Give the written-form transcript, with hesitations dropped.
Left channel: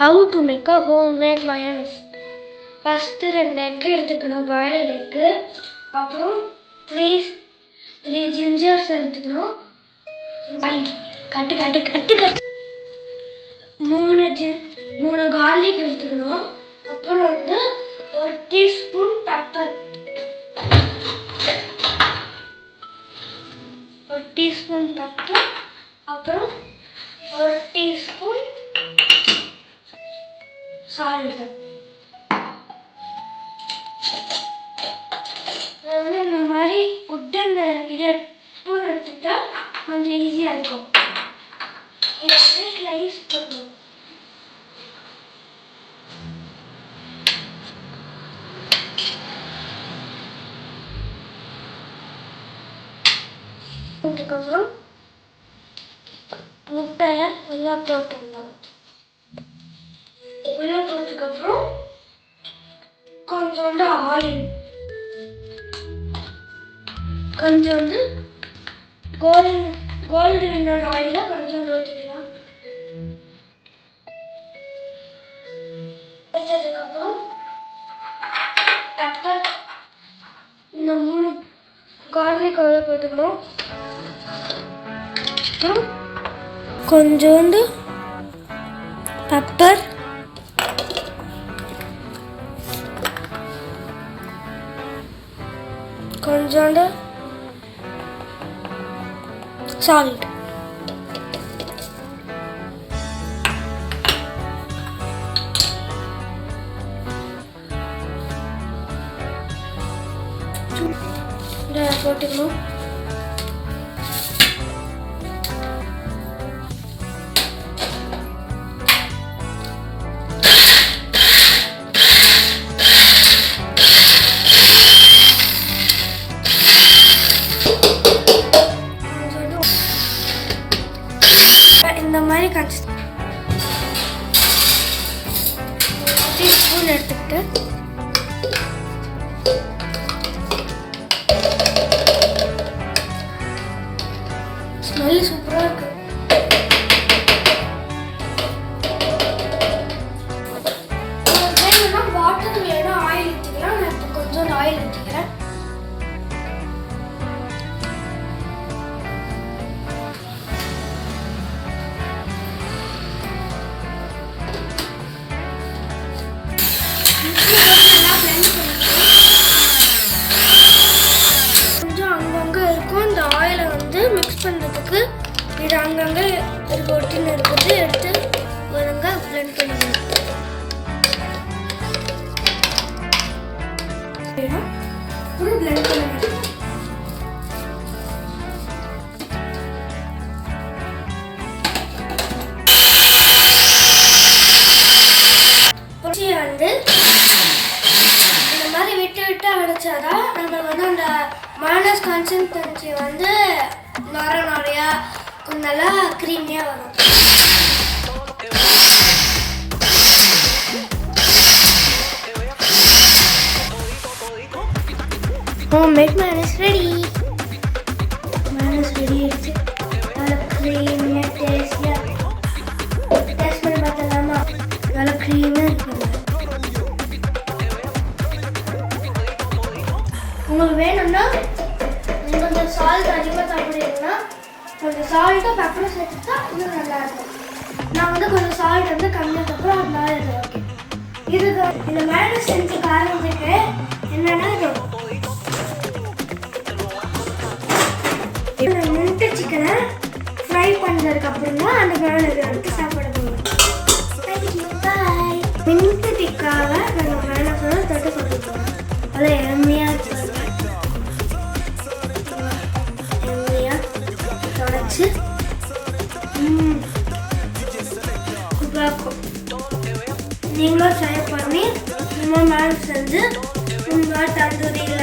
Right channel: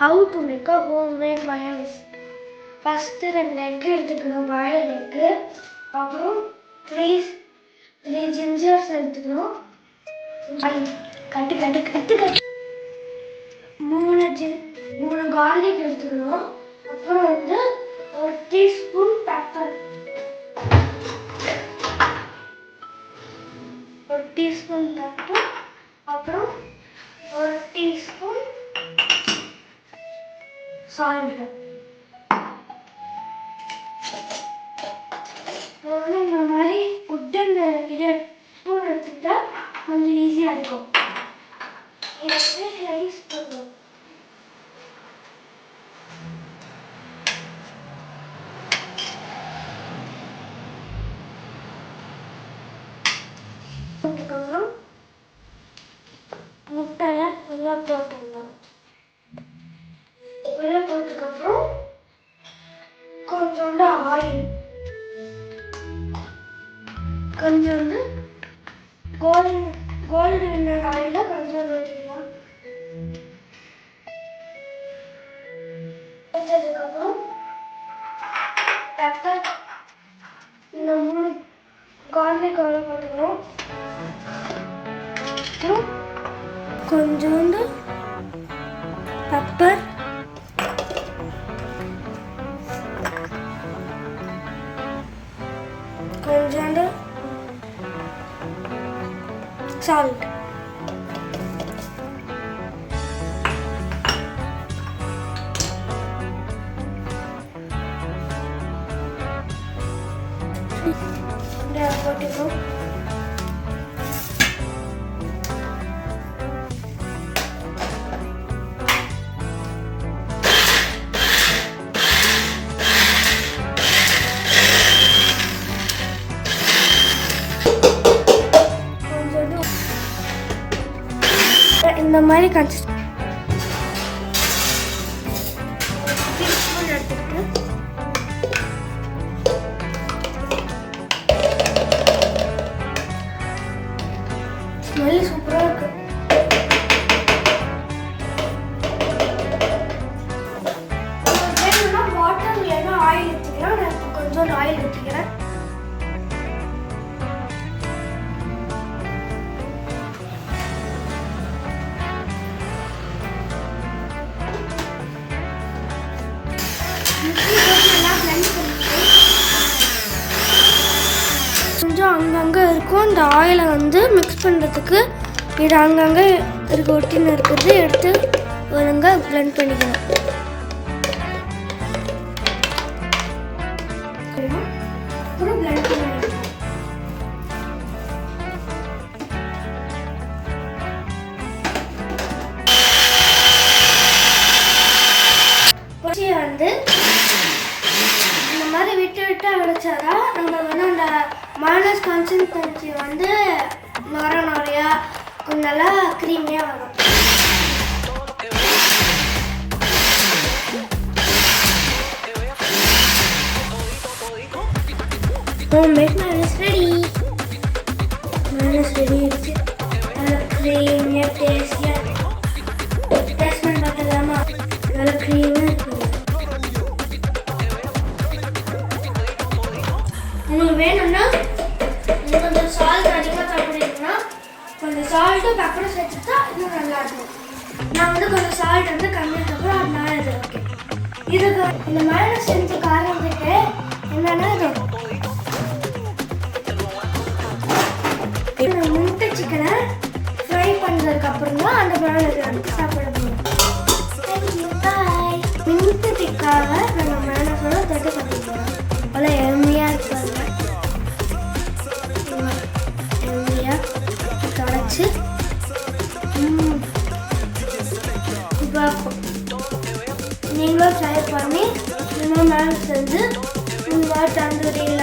How to make a homemade mayonnaise. First 2 egg எடுத்துக்கணும், boiled egg. அப்புறம் 3 ஜிஞ்சர்ஸ் எடுத்துக்கணும். கட்டு 3 garlic எடுத்துக்கணும். அப்புறம் வந்து 1 டீஸ்பூன் பெப்பர், 1 டீஸ்பூன் பெப்பர். அப்புறம் 1 டீஸ்பூன் சால்ட். இந்த மாதிரி உட்டன் இதை ஸ்பூன் எடுத்துக்கிட்டா கொஞ்சம் ஈஸியாக இருக்கும். இதை ரைஸ் பண்ணணும். அதுக்கப்புறம் முட்டையை உள்ளே போட்டுடணும். உள்ளே போட்டதுக்கப்புறம் கொஞ்சோண்டு ஆயில், கொஞ்சோண்டு கோல்டு வின்னர் ஆயிலில் கொஞ்சோண்டு ஊற்றிக்கலாம். வச்சதுக்கப்புறம் பெப்பர், இந்த 3 கார்லிக் உள்ள போட்டுக்கணும். அப்புறம் கொஞ்சோண்டு பெப்பர், கொஞ்சோண்டு சால்ட். போட்டுக்கணும். இந்த மாதிரி டீஸ்பூன் எடுத்துக்கிட்டு ஸ்மெல் சூப்பராக இருக்கு. வேணும்னா வாட்டர் இல்லைன்னா ஆயில் ஊற்றிக்கலாம். நான் இப்போ கொஞ்சம் ஆயில் ஊற்றிக்கிறேன். கொஞ்சம் அங்கங்கே இருக்கும். இந்த ஆயிலை வந்து மிக்ஸ் பண்ணுறதுக்கு இது அங்கங்கே இருக்க ஒட்டின்னு இருக்கிறது எடுத்து ஒழுங்காக பிளெண்ட் பண்ணிக்கணும். அப்புறம் பிளெண்ட் பண்ணிக்கலாம். வந்து இந்த மாதிரி விட்டு அடைச்சாதான் நம்ம வந்து அந்த மைனஸ் கன்சிஸ்டன்சி வந்து நிறையா கொஞ்சம் நல்லா க்ரீமியாக வரும். Homemade mayonnaise ready. Mayonnaise ready. நல்ல க்ரீமியாக டேஸ்டியாக டேஸ்ட் பண்ணி பார்த்தலாமா? நல்ல க்ரீமாக இருக்குது. உங்களுக்கு வேணும்னா கொஞ்சம் சால்ட் அதிகமாக சாப்பிட்றீங்கன்னா கொஞ்சம் சால்ட்டும் பெப்பரும் சேர்த்துட்டா இன்னும் நல்லாயிருக்கும். நான் வந்து கொஞ்சம் சால்ட் வந்து கம்மியாக அப்புறம் அதனால இது ஓகே. இதுக்கு இந்த மைனஸ் செஞ்சு காரணத்துக்கு என்னென்னா முட்டை சிக்கனை ஃப்ரை பண்ணுறதுக்கப்புறம் தான் அந்த மைனஸ் வந்து சாப்பிட முடியும். பாய். முட்டை டிக்காக நாங்கள் மைனஸோட தொட்டு கொண்டு போகிறோம். அவ்வளோ எளிமையாக இருக்கும். நீங்களும் ட்ரை பண்ணி இந்த மாதிரி செஞ்சு உங்கள் தந்தூரியில்